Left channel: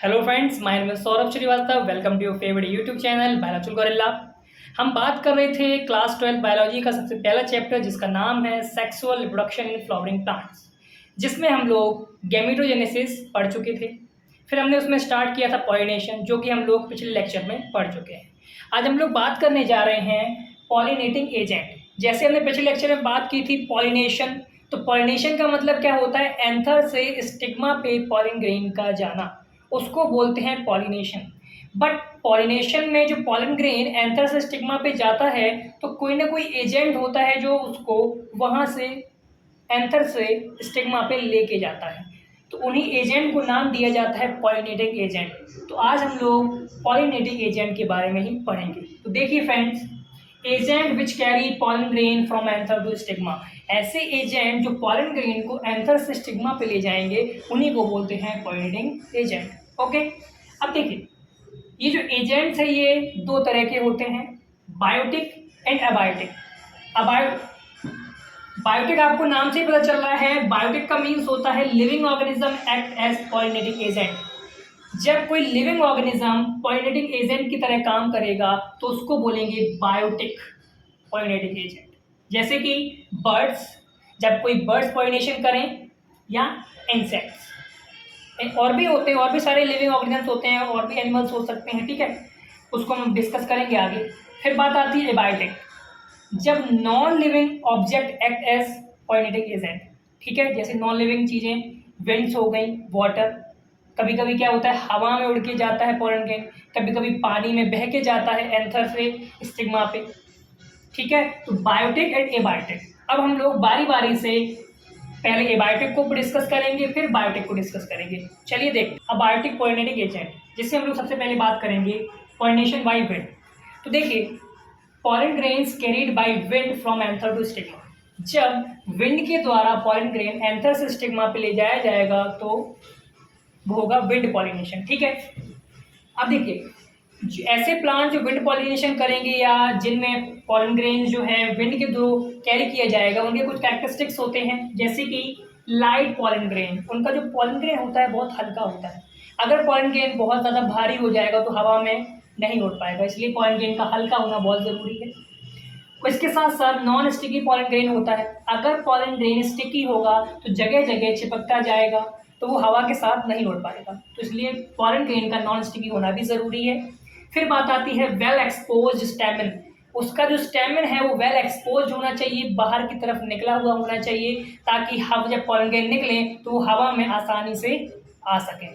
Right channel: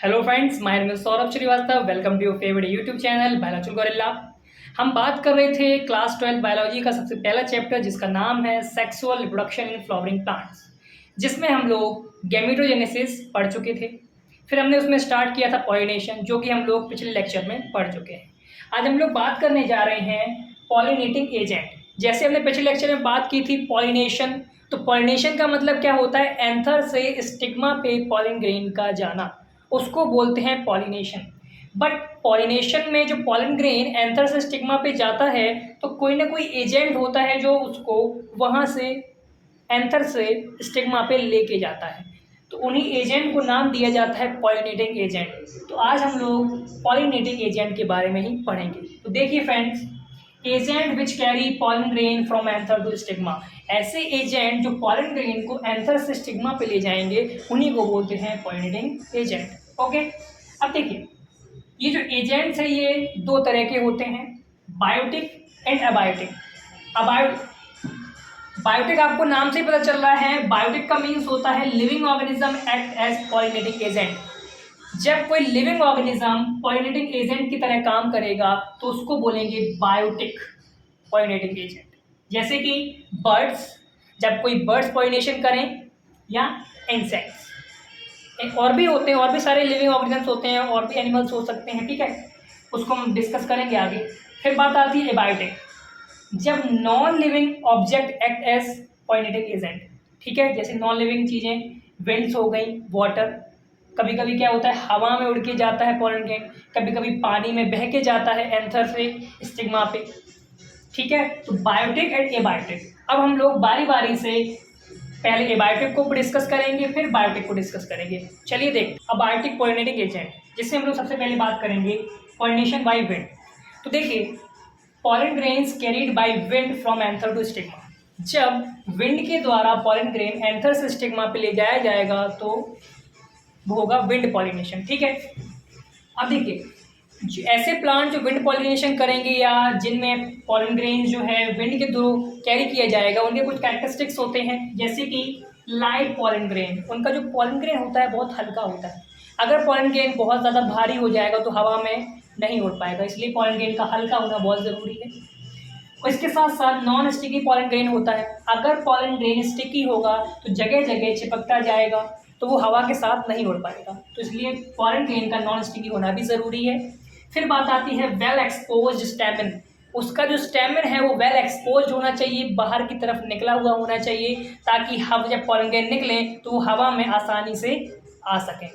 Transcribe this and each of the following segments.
Hello friends, my name is Saurabh Srivastava. Welcome to your favourite YouTube channel biological gorilla. हम बात कर रहे थे क्लास 12 बायोलॉजी का सबसे पहला चैप्टर जिसका नाम है sexual reproduction in flowering plants, जिसमें हम लोग गैमेटोजेनेसिस पढ़ चुके थे। फिर हमने उसमें स्टार्ट किया था पॉलिनेशन, जो कि हम लोग पिछले लेक्चर में पढ़ चुके हैं। आज हम लोग बात करने जा रहे हैं पॉलिनेटिंग एजेंट। जैसे हमने पिछले लेक्चर में बात की थी पॉलिनेशन, तो पॉलिनेशन का मतलब क्या होता है? एंथर से स्टिग्मा पे पॉलिन ग्रेन का जाना, उसको बोलते हैं पॉलिनेशन। बट पॉलिनेशन में जो पॉलन ग्रेन एंथर से स्टिग्मा पे जाता है, तो कोई ना कोई एजेंट होता है जो उसको वहाँ से एंथर से स्टिग्मा पे लेके जाता है। तो उन्हीं एजेंट को नाम दिया जाता है पॉलिनेटिंग एजेंट। तो आज हम लोग पॉलिनेटिंग एजेंट के बारे में ही पढ़ेंगे। तो देखिए friends, agent which carry pollen grain from anther to stigma, ऐसे एजेंट जो पॉलन ग्रेन को एंथर से स्टिग्मा पे ले जाएंगे, उन्हीं को बोलते हैं पॉलिनेटिंग एजेंट। ओके, अब देखिए, ये जो एजेंट्स है ये दो तरह के होते हैं, बायोटिक एंड अबायोटिक। बायोटिक आपको नाम से ही पता चल रहा है, बायोटिक का मीन्स होता है living organism act as pollinating agent. जब कोई लिविंग ऑर्गेनिज्म पॉलिनेटिंग एजेंट की तरह काम करेगा तो उसको बोलेंगे बायोटिक पॉलिनेटिंग एजेंट। जैसे कि बर्ड्स, जब कोई बर्ड्स पॉलिनेशन करें, या इंसेक्ट्स, और भी होते हैं, और भी सारे लिविंग ऑर्गेनिजम्स होते हैं, और भी एनिमल्स हो सकते हैं, ठीक है, उसको हम डिस्कस करेंगे आगे। फिर बात आती है एबायोटिक, जब non living object act as pollinating agent, ठीक है। जैसे नॉन लिविंग चीज़ें, विंड्स हो गई, वाटर, कभी कभी क्या होता है हवा में उड़ के जाता है पॉलन ग्रेन, कभी कभी पानी में बह के जाता है एंथर से स्टिग्मा पे, ठीक है। तो बायोटिक एंड एबायोटिक। अब हम लोग बारी बारी से पहले एबायोटिक को डिस्कस करेंगे, फिर बायोटिक को डिस्कस करेंगे। चलिए देखते हैं अबायोटिक पॉलिनेटिंग एजेंट, जिससे हम लोग सबसे पहले बात करेंगे पॉलिनेशन बाय विंड। तो देखिए, pollen grains carried by wind from anther to stigma, जब विंड के द्वारा पॉलन ग्रेन एंथर से स्टिग्मा पे ले जाया जाएगा तो वो होगा विंड पॉलिनेशन, ठीक है। अब देखिए, ऐसे प्लांट जो विंड पॉलिनेशन करेंगे या जिनमें पॉलन ग्रेन जो है विंड के थ्रू कैरी किया जाएगा, उनके कुछ कैरेक्टरिस्टिक्स होते हैं। जैसे कि लाइट पॉलन ग्रेन, उनका जो पॉलन ग्रेन होता है बहुत हल्का होता है। अगर पॉलन ग्रेन बहुत ज़्यादा भारी हो जाएगा तो हवा में नहीं उड़ पाएगा, इसलिए पॉलन ग्रेन का हल्का होना बहुत ज़रूरी है। और इसके साथ साथ नॉन स्टिकी पॉलन ग्रेन होता है। अगर पॉलन ग्रेन स्टिकी होगा तो जगह जगह चिपकता जाएगा, तो वो हवा के साथ नहीं उड़ पाएगा, तो इसलिए पॉलन ग्रेन का नॉन स्टिकी होना भी ज़रूरी है। फिर बात आती है वेल एक्सपोज्ड स्टेमन, उसका जो स्टेमन है वो वेल एक्सपोज्ड होना चाहिए, बाहर की तरफ निकला हुआ होना चाहिए, ताकि हवा जब पॉलन ग्रेन निकले तो वो हवा में आसानी से आ सके,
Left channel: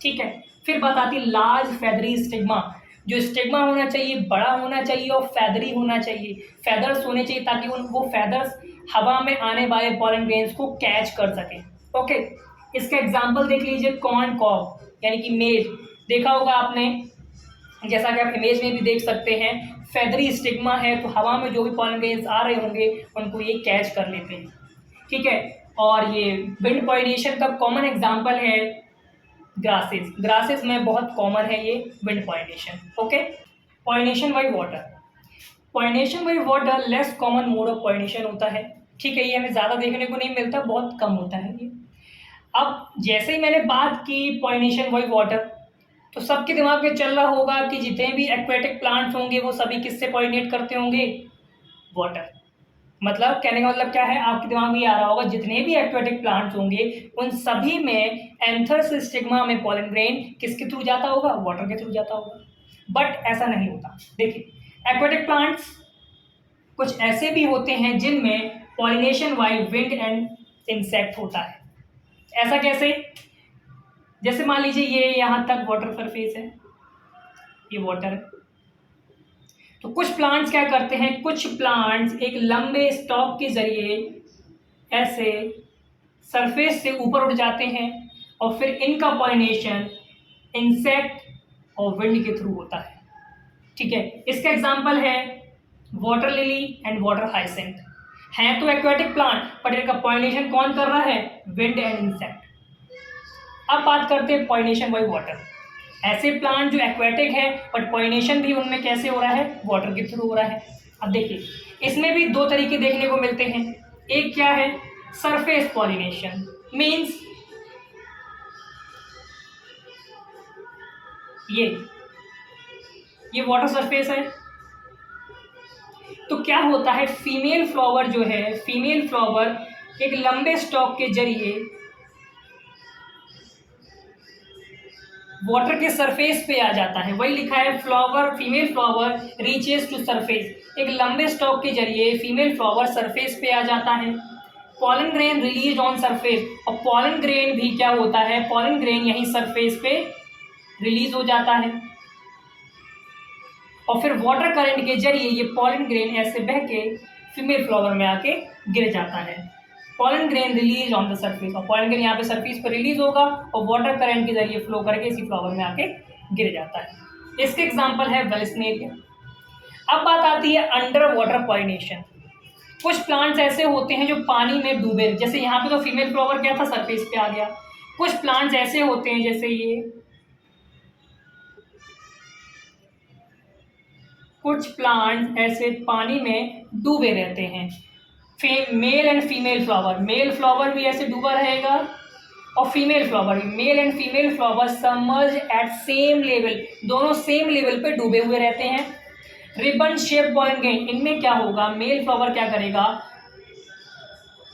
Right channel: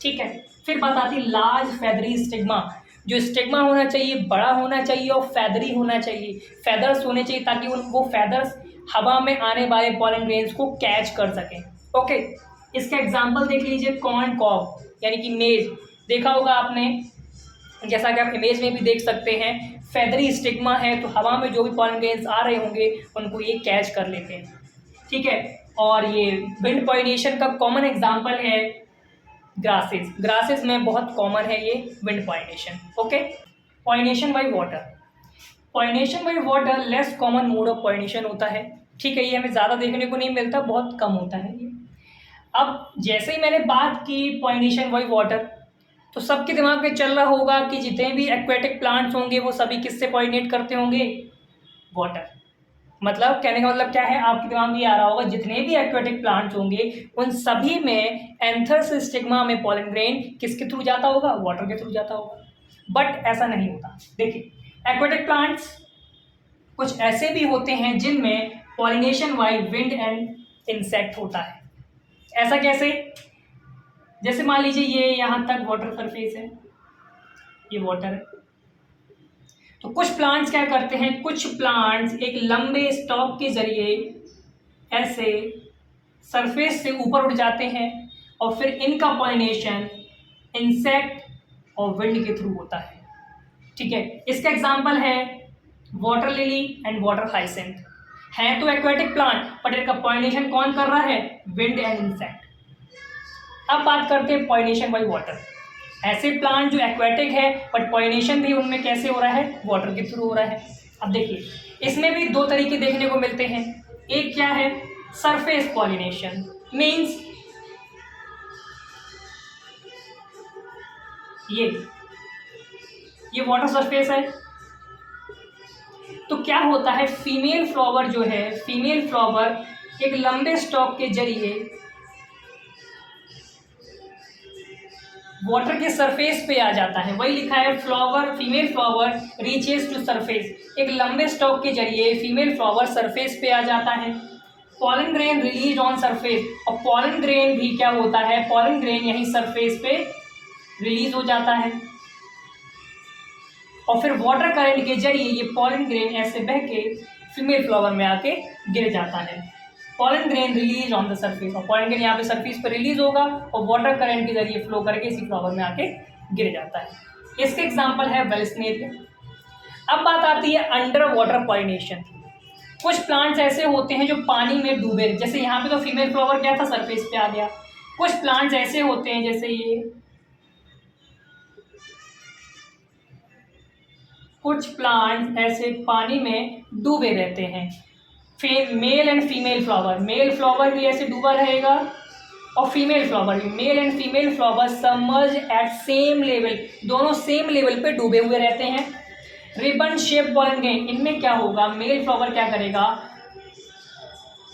ठीक है। फिर बात आती है लार्ज फेदरी स्टिग्मा, जो स्टिग्मा होना चाहिए बड़ा होना चाहिए और फैदरी होना चाहिए, फेदर्स होने चाहिए, ताकि वो फेदर्स हवा में आने वाले पॉलन ग्रेन्स को कैच कर सकें। ओके, इसका एग्जांपल देख लीजिए, कॉर्न कॉब यानी कि मेज, देखा होगा आपने, जैसा कि आप इमेज में भी देख सकते हैं, फेदरी स्टिग्मा है तो हवा में जो भी पॉलन ग्रेन्स आ रहे होंगे उनको ये कैच कर लेते हैं, ठीक है। और ये विंड पॉलिनेशन का कॉमन एग्जांपल है ग्रासेस, ग्रासेस में बहुत कॉमन है ये wind pollination. Okay, pollination by water, pollination by water less common mode of pollination होता है, ठीक है। ये हमें ज़्यादा देखने को नहीं मिलता, बहुत कम होता है ये। अब जैसे ही मैंने बात की पॉलिनेशन बाय वाटर, तो सबके दिमाग में चल रहा होगा कि जितने भी एक्वेटिक प्लांट्स होंगे वो सभी किससे पॉलिनेट करते होंगे? वाटर। मतलब कहने का मतलब क्या है, आपके दिमाग में ये आ रहा होगा जितने भी एक्वेटिक प्लांट्स होंगे उन सभी में एंथर से स्टिग्मा में पॉलन ग्रेन किसके थ्रू जाता होगा? वाटर के थ्रू जाता होगा। बट ऐसा नहीं होता। देखिए, एक्वेटिक प्लांट्स कुछ ऐसे भी होते हैं जिनमें pollination by wind and insect होता है। ऐसा कैसे? जैसे मान लीजिए ये यहाँ तक वाटर सरफेस है, ये वाटर है, तो कुछ प्लांट्स क्या करते हैं, कुछ प्लांट्स एक लंबे स्टॉक के जरिए ऐसे सरफेस से ऊपर उठ जाते हैं और फिर इनका पॉलिनेशन इंसेक्ट और विंड के थ्रू होता है, ठीक है। इसका एग्जांपल है water lily and water hyacinth, हैं तो एक्वेटिक प्लांट बट इनका पॉलिनेशन कौन कर रहा है? Wind and insect. अब बात करते हैं पॉलिनेशन बाय वाटर, ऐसे प्लांट जो एक्वेटिक है बट पॉलिनेशन भी उनमें कैसे हो रहा है? वाटर के थ्रू हो रहा है। अब देखिए, इसमें भी दो तरीके देखने को मिलते हैं। एक क्या है? सरफेस पॉलिनेशन, मीन्स ये वाटर सरफेस है। तो क्या होता है, फीमेल फ्लावर जो है, फीमेल फ्लावर एक लंबे स्टॉक के जरिए वाटर के सरफेस पे आ जाता है। वही लिखा है, flower, female flower reaches to surface. एक लंबे स्टॉक के जरिए फीमेल फ्लावर सरफेस पे आ जाता है। Pollen grain release on surface, और पॉलन ग्रेन भी क्या होता है, पॉलन ग्रेन यहीं सरफेस पे रिलीज हो जाता है, और फिर वाटर करंट के जरिए ये पॉलन ग्रेन ऐसे बह के फीमेल फ्लावर में आके गिर जाता है। Pollen grain release on the surface, और पॉलन ग्रेन यहाँ पे सरफेस पर रिलीज होगा और वाटर करंट के जरिए फ्लो करके इसी फ्लावर में आके गिर जाता है। इसके एग्जाम्पल है वेलस्नेरिया। अब बात आती है अंडर वाटर पॉलिनेशन। कुछ प्लांट्स ऐसे होते हैं जो पानी में डूबे, जैसे यहाँ पे तो फीमेल फ्लावर क्या था, सरफेस पे आ गया। कुछ प्लांट्स ऐसे होते हैं जैसे ये, कुछ प्लांट्स ऐसे पानी में डूबे रहते हैं। Male and female flower, male flower भी ऐसे डूबा रहेगा और फीमेल फ्लावर भी, male and female flower submerge at same level, दोनों सेम लेवल पे डूबे हुए रहते हैं। रिबन शेप पॉलन ग्रेन, इनमें क्या होगा, मेल फ्लावर क्या करेगा,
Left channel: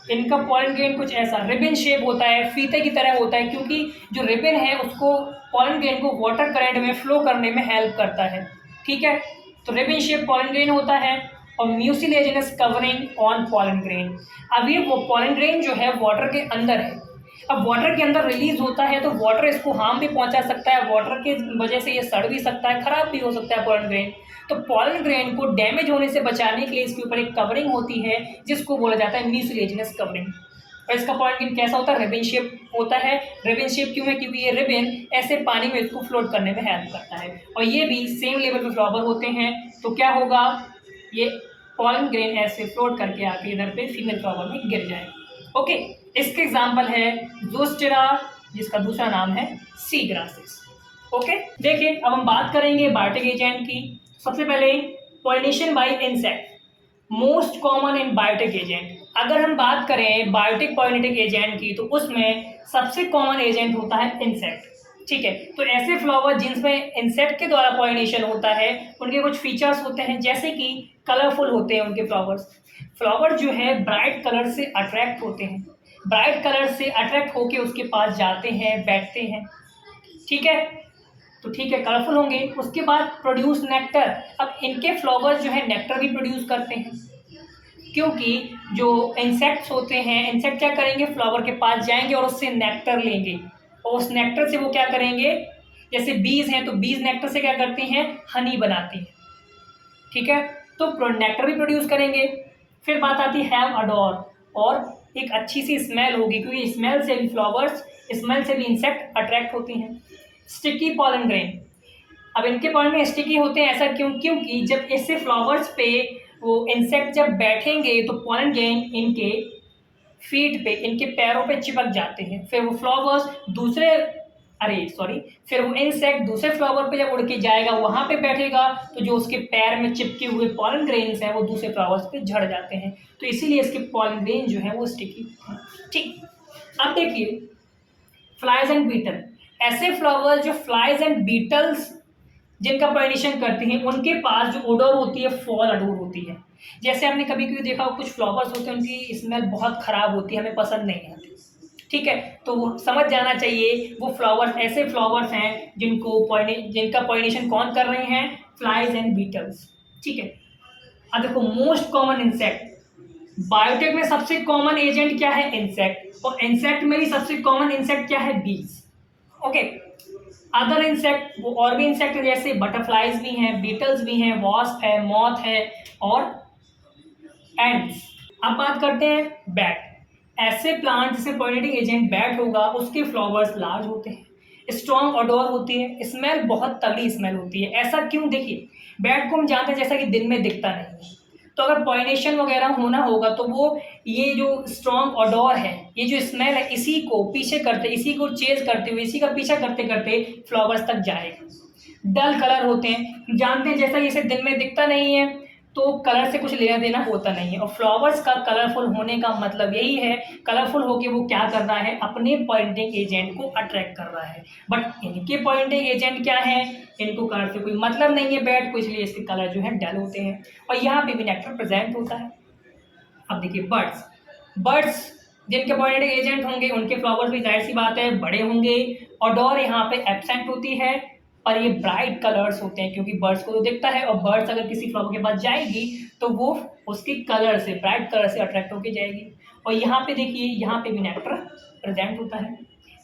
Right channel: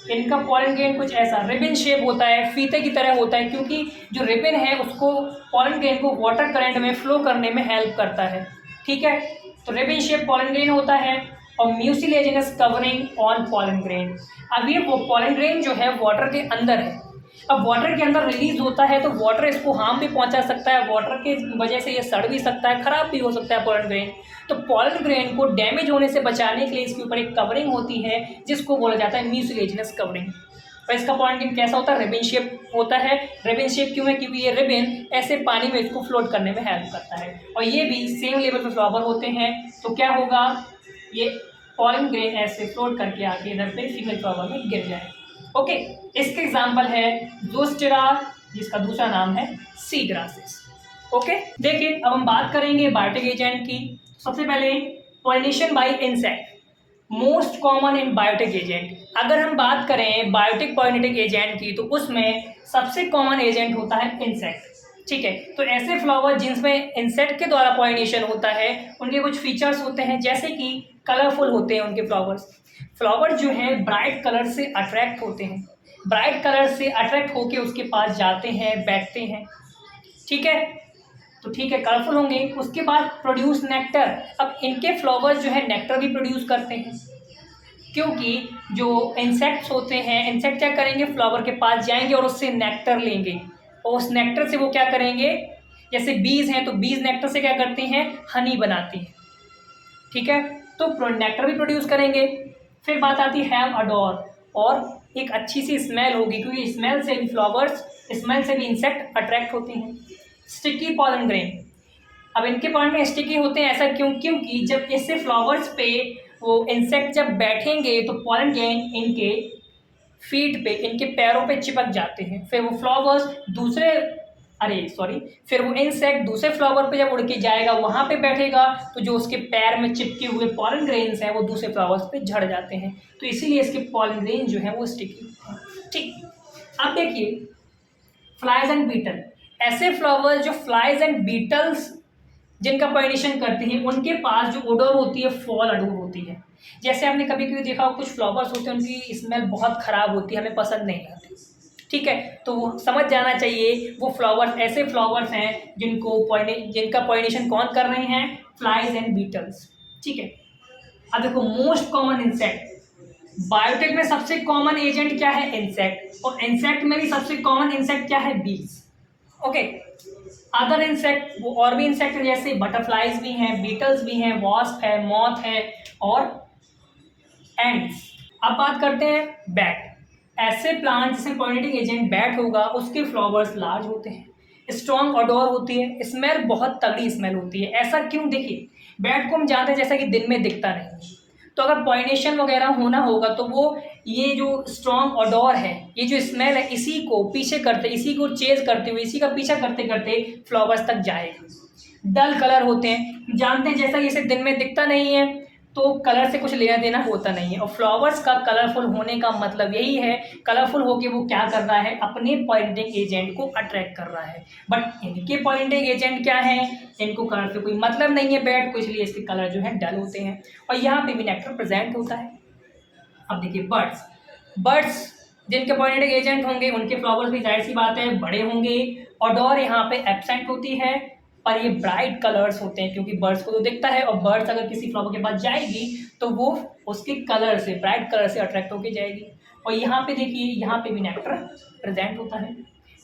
इनका पॉलन ग्रेन कुछ ऐसा रिबन शेप होता है, फीते की तरह होता है, क्योंकि जो रिबन है उसको, पॉलन ग्रेन को वाटर करंट में फ्लो करने में हेल्प करता है। ठीक है, तो रिबन शेप पॉलन ग्रेन होता है और mucilaginous covering on pollen grain. अब ये वो पॉलन ग्रेन जो है वाटर के अंदर है, अब वाटर के अंदर रिलीज होता है तो वाटर इसको हार्म भी पहुंचा सकता है, वाटर के वजह से ये सड़ भी सकता है, खराब भी हो सकता है पॉलन ग्रेन। तो पॉलन ग्रेन को डैमेज होने से बचाने के लिए इसके ऊपर एक कवरिंग होती है जिसको बोला जाता है म्यूसिलेजिनस कवरिंग। और इसका पॉलन ग्रेन कैसा होता है, रिबन शेप होता है। रिबन शेप क्यों है, क्योंकि ये रिबन ऐसे पानी में इसको फ्लोट करने में हेल्प करता है, और ये भी सेम लेवल पे फ्लावर होते हैं। तो क्या होगा, ये पॉलन ग्रेन ऐसे फ्लोट करके आके इधर पे फीमेल फ्लावर में गिर जाए। ओके, इसके एग्जाम्पल है ज़ोस्टेरा, जिसका दूसरा नाम है सी ग्रासेस। ओके, देखिए अब हम बात करेंगे बायोटिक एजेंट की। सबसे पहले pollination by insect, most common in biotic agent. अगर हम बात करें बायोटिक पॉलिनेटिक एजेंट की तो उसमें सबसे कॉमन एजेंट होता है इंसेक्ट। ठीक है, तो ऐसे फ्लावर जिनमें इंसेक्ट के द्वारा पॉलिनेशन होता है उनके कुछ फीचर्स होते हैं, जैसे कि कलरफुल होते हैं उनके फ्लावर्स। फ्लावर जो है ब्राइट कलर से अट्रैक्ट होते हैं, ब्राइट कलर से अट्रैक्ट होके उसके पास जाते हैं, बैठते हैं। ठीक है, तो ठीक है, कलरफुल होंगे। उसके बाद प्रोड्यूस नेक्टर। अब इनके फ्लावर्स जो है नेक्टर भी प्रोड्यूस करते हैं, क्योंकि जो इंसेक्ट्स होते हैं, इंसेक्ट क्या करेंगे, फ्लावर के पास जाएंगे और उससे नेक्टर लेंगे, और उस नेक्टर से वो क्या करेंगे, जैसे बीज हैं तो बीज नेक्टर से क्या करते हैं, हनी बनाती हैं। ठीक है, तो नेक्टर भी प्रोड्यूस करेंगे। फिर बात आती है हैव अडोर, और एक अच्छी सी स्मेल होगी, क्योंकि स्मेल से भी फ्लावर्स, स्मेल से भी इंसेक्ट अट्रैक्ट होते हैं। स्टिकी पॉलन ग्रेन, अब इनके पॉलन में स्टिकी होते हैं, ऐसा क्यों, क्योंकि जब इससे फ्लावर्स पे वो इंसेक्ट जब बैठेंगे तो पॉलन ग्रेन इनके फीट पे, इनके पैरों पे चिपक जाते हैं। फिर वो फ्लावर्स फिर वो इंसेक्ट दूसरे फ्लावर पे जब उड़ के जाएगा, वहाँ पे बैठेगा, तो जो उसके पैर में चिपके हुए पॉलन ग्रेन्स हैं वो दूसरे फ्लावर्स पे झड़ जाते हैं, तो इसीलिए इसके पॉलन ग्रेन जो है वो स्टिकी हैं। ठीक, अब देखिए फ्लाइज एंड बीटल, ऐसे फ्लावर्स जो फ्लाइज एंड बीटल्स जिनका पॉलिनेशन करती हैं, उनके पास जो ओडोर होती है फॉल ओडोर होती है। जैसे आपने कभी कभी देखा कुछ फ्लावर्स होते हैं उनकी स्मेल बहुत ख़राब होती है, हमें पसंद नहीं आती। ठीक है, तो वो समझ जाना चाहिए वो फ्लावर्स ऐसे फ्लावर्स हैं जिनका पॉलिनेशन कौन कर रहे हैं, फ्लाइज एंड बीटल्स। ठीक है, अब देखो मोस्ट कॉमन इंसेक्ट, बायोटिक में सबसे कॉमन एजेंट क्या है, इंसेक्ट, और इंसेक्ट में भी सबसे कॉमन इंसेक्ट क्या है, बीज। ओके, अदर इंसेक्ट, वो और भी इंसेक्ट जैसे बटरफ्लाइज भी हैं, बीटल्स भी हैं, वॉस्प है, मॉथ है और एंड्स। अब बात करते हैं बैट। ऐसे प्लांट जिसमें पॉलिनेटिंग एजेंट बैट होगा उसके फ्लावर्स लार्ज होते हैं, स्ट्रॉन्ग ओडोर होती है, स्मेल बहुत तगड़ी स्मेल होती है। ऐसा क्यों, देखिए बैट को हम जानते हैं जैसा कि दिन में दिखता नहीं है, तो अगर पॉलिनेशन वगैरह होना होगा तो वो ये जो स्ट्रॉन्ग ओडोर है, ये जो स्मेल है, इसी को पीछे करते, इसी को चेज करते हुए, इसी का पीछा करते करते फ्लावर्स तक जाएगा। डल कलर होते हैं, जानते हैं जैसा कि इसे दिन में दिखता नहीं है, तो कलर से कुछ लेना देना होता नहीं है। और फ्लावर्स का कलरफुल होने का मतलब यही है, कलरफुल होके वो क्या कर रहा है, अपने पॉलिनेटिंग एजेंट को अट्रैक्ट कर रहा है। बट इनके पॉलिनेटिंग एजेंट क्या है, इनको कलर से कोई मतलब नहीं है बैट को, इसलिए इसके कलर जो है डल होते हैं और यहाँ पे भी नेक्टर प्रेजेंट होता है। अब देखिए बर्ड्स जिनके पॉलिनेटिंग एजेंट होंगे उनके फ्लावर्स भी जाहिर सी बात है बड़े होंगे। ऑडोर यहाँ पे एब्सेंट होती है और ये ब्राइट कलर्स होते हैं, क्योंकि बर्ड्स को तो दिखता है और बर्ड्स अगर किसी फ्लावर के पास जाएगी तो वो उसके कलर से, ब्राइट कलर से अट्रैक्ट होकर जाएगी। और यहाँ पे देखिए, यहाँ पे भी नेक्टर प्रेजेंट होता है।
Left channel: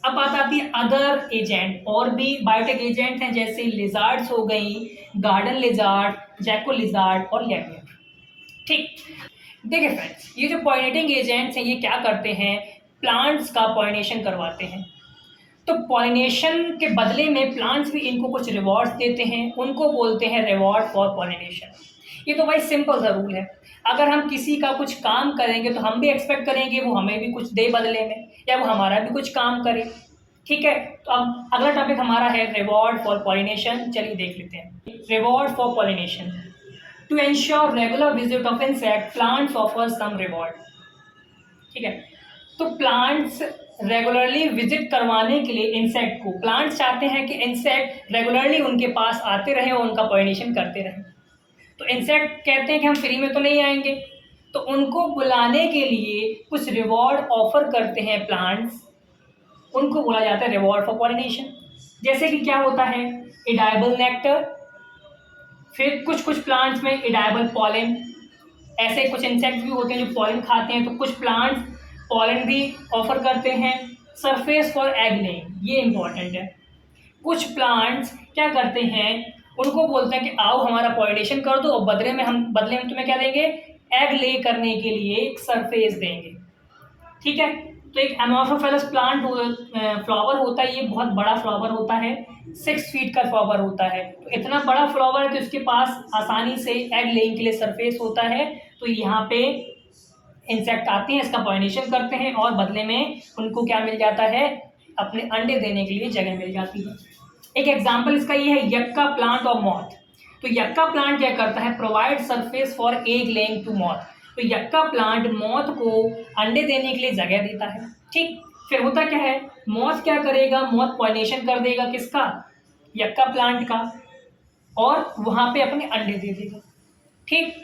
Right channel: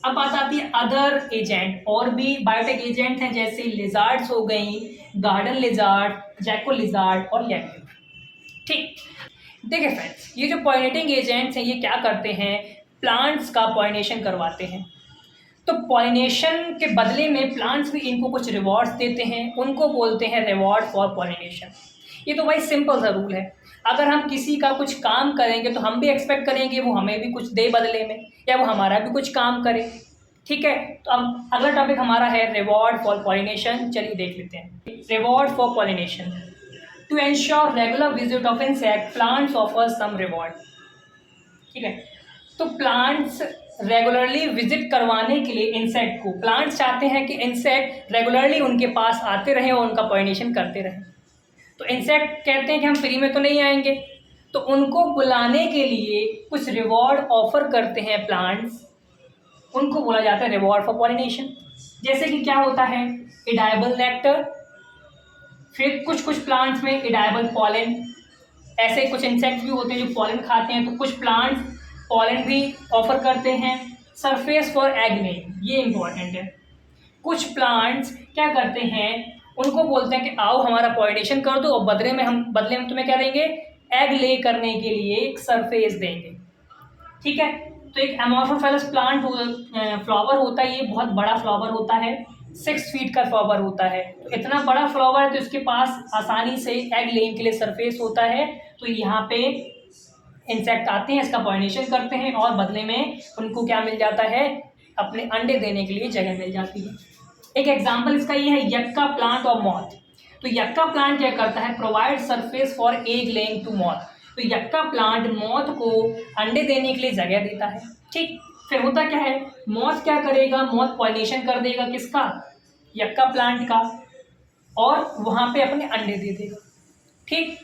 अब बात आती है अदर एजेंट, और भी बायोटिक एजेंट हैं जैसे लिजार्ड्स हो गई, गार्डन लिजार्ड, जैको लिजार्ड और लैम्यूर। ठीक, देखिए फ्रेंड्स, ये जो पॉलिनेटिंग एजेंट्स हैं ये क्या करते हैं, प्लांट्स का पॉलिनेशन करवाते हैं। तो पॉलिनेशन के बदले में प्लांट्स भी इनको कुछ रिवॉर्ड्स देते हैं, उनको बोलते हैं रिवॉर्ड फॉर पॉलिनेशन। ये तो भाई सिंपल सा रूल है, अगर हम किसी का कुछ काम करेंगे तो हम भी एक्सपेक्ट करेंगे वो हमें भी कुछ दे बदले में, या वो हमारा भी कुछ काम करे। ठीक है, तो अब अगला टॉपिक हमारा है रिवॉर्ड फॉर पॉलिनेशन। चलिए देख लेते हैं reward for pollination. To ensure regular visit of insect, plants offer some reward. ठीक है, तो प्लांट्स रेगुलरली विजिट करवाने के लिए इंसेक्ट को, प्लांट्स चाहते हैं कि इंसेक्ट रेगुलरली उनके पास आते रहें और उनका पॉलिनेशन करते रहें। तो इंसेक्ट कहते हैं कि हम फ्री में तो नहीं आएंगे, तो उनको बुलाने के लिए कुछ रिवॉर्ड ऑफर करते हैं प्लांट्स, उनको बोला जाता है रिवॉर्ड फॉर पॉलिनेशन। जैसे कि क्या होता है, एडाइबल नेक्टर, फिर कुछ प्लांट्स में एडाइबल पॉलन। ऐसे कुछ इंसेक्ट्स भी होते हैं जो पॉलन खाते हैं, तो कुछ प्लांट्स पॉलन भी ऑफर करते हैं। सरफेस फॉर एग लेइंग, ये इंपॉर्टेंट है। कुछ प्लांट्स क्या करते हैं, उनको बोलते हैं कि आओ हमारा पॉलिनेशन कर दो और बदले में हम तुम्हें क्या देंगे, एग ले करने के लिए एक सरफेस देंगे। ठीक है, तो एक एमोर्फोफिलस प्लांट फ्लावर होता है, ये बहुत बड़ा फ्लावर होता है, 6 फीट का फ्लावर होता है। तो इतना बड़ा फ्लावर है तो इसके पास आसानी से एग लेइंग के लिए सरफेस होता है। तो यहाँ पे इंसेक्ट आते हैं, इसका पॉलिनेशन करते हैं और बदले में उनको क्या मिल जाता है, अपने अंडे देने के लिए जगह मिल जाती है। एक एग्जाम्पल इसका ये है यक्का प्लांट और मॉथ। तो यक्का प्लांट क्या करता है, provide surface for egg laying to moth. तो यक्का प्लांट मॉथ को अंडे देने के लिए जगह देता है। ठीक, फिर होता क्या है, मॉथ क्या करेगा, मॉथ पॉलिनेशन कर देगा किसका, यक्का प्लांट का, और वहां पे अपने अंडे दे देगा। ठीक,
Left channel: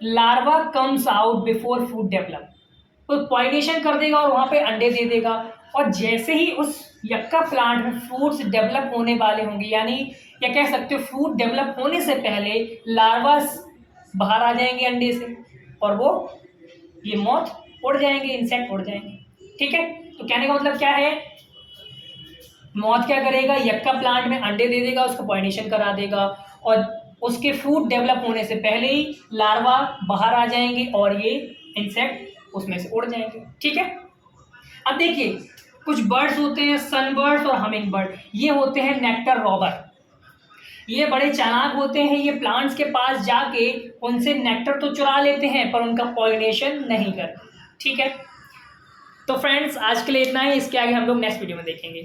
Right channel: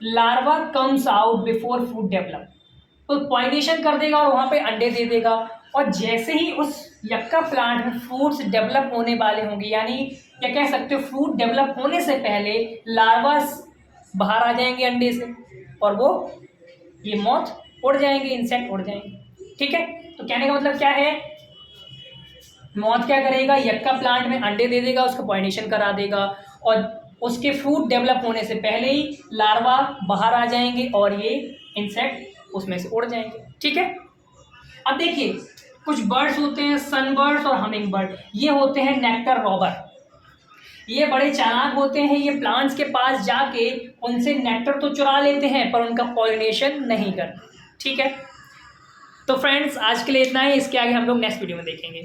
larva comes out before fruit develop, तो पॉलिनेशन कर देगा और वहां पे अंडे दे देगा। और जैसे ही उस यक्का प्लांट में फ्रूट्स डेवलप होने वाले होंगे, यानी या कह सकते हो फ्रूट डेवलप होने से पहले लार्वास बाहर आ जाएंगे अंडे से, और वो ये मॉथ उड़ जाएंगे, इंसेक्ट उड़ जाएंगे। ठीक है, तो कहने का मतलब क्या है, मॉथ क्या करेगा, यक्का प्लांट में अंडे दे देगा, उसका पॉलिनेशन करा देगा, और उसके फ्रूट डेवलप होने से पहले ही लार्वा बाहर आ जाएंगे और ये इंसेक्ट उसमें से उड़ जाएंगे। ठीक है, अब देखिए कुछ बर्ड्स होते हैं, सनबर्ड्स और हमिंग बर्ड, ये होते हैं नेक्टर रॉबर। ये बड़े चालाक होते हैं, ये प्लांट्स के पास जाके उनसे नेक्टर तो चुरा लेते हैं पर उनका पॉलिनेशन नहीं करते। ठीक है, तो फ्रेंड्स आज के लिए इतना ही, इसके आगे हम लोग नेक्स्ट वीडियो में देखेंगे।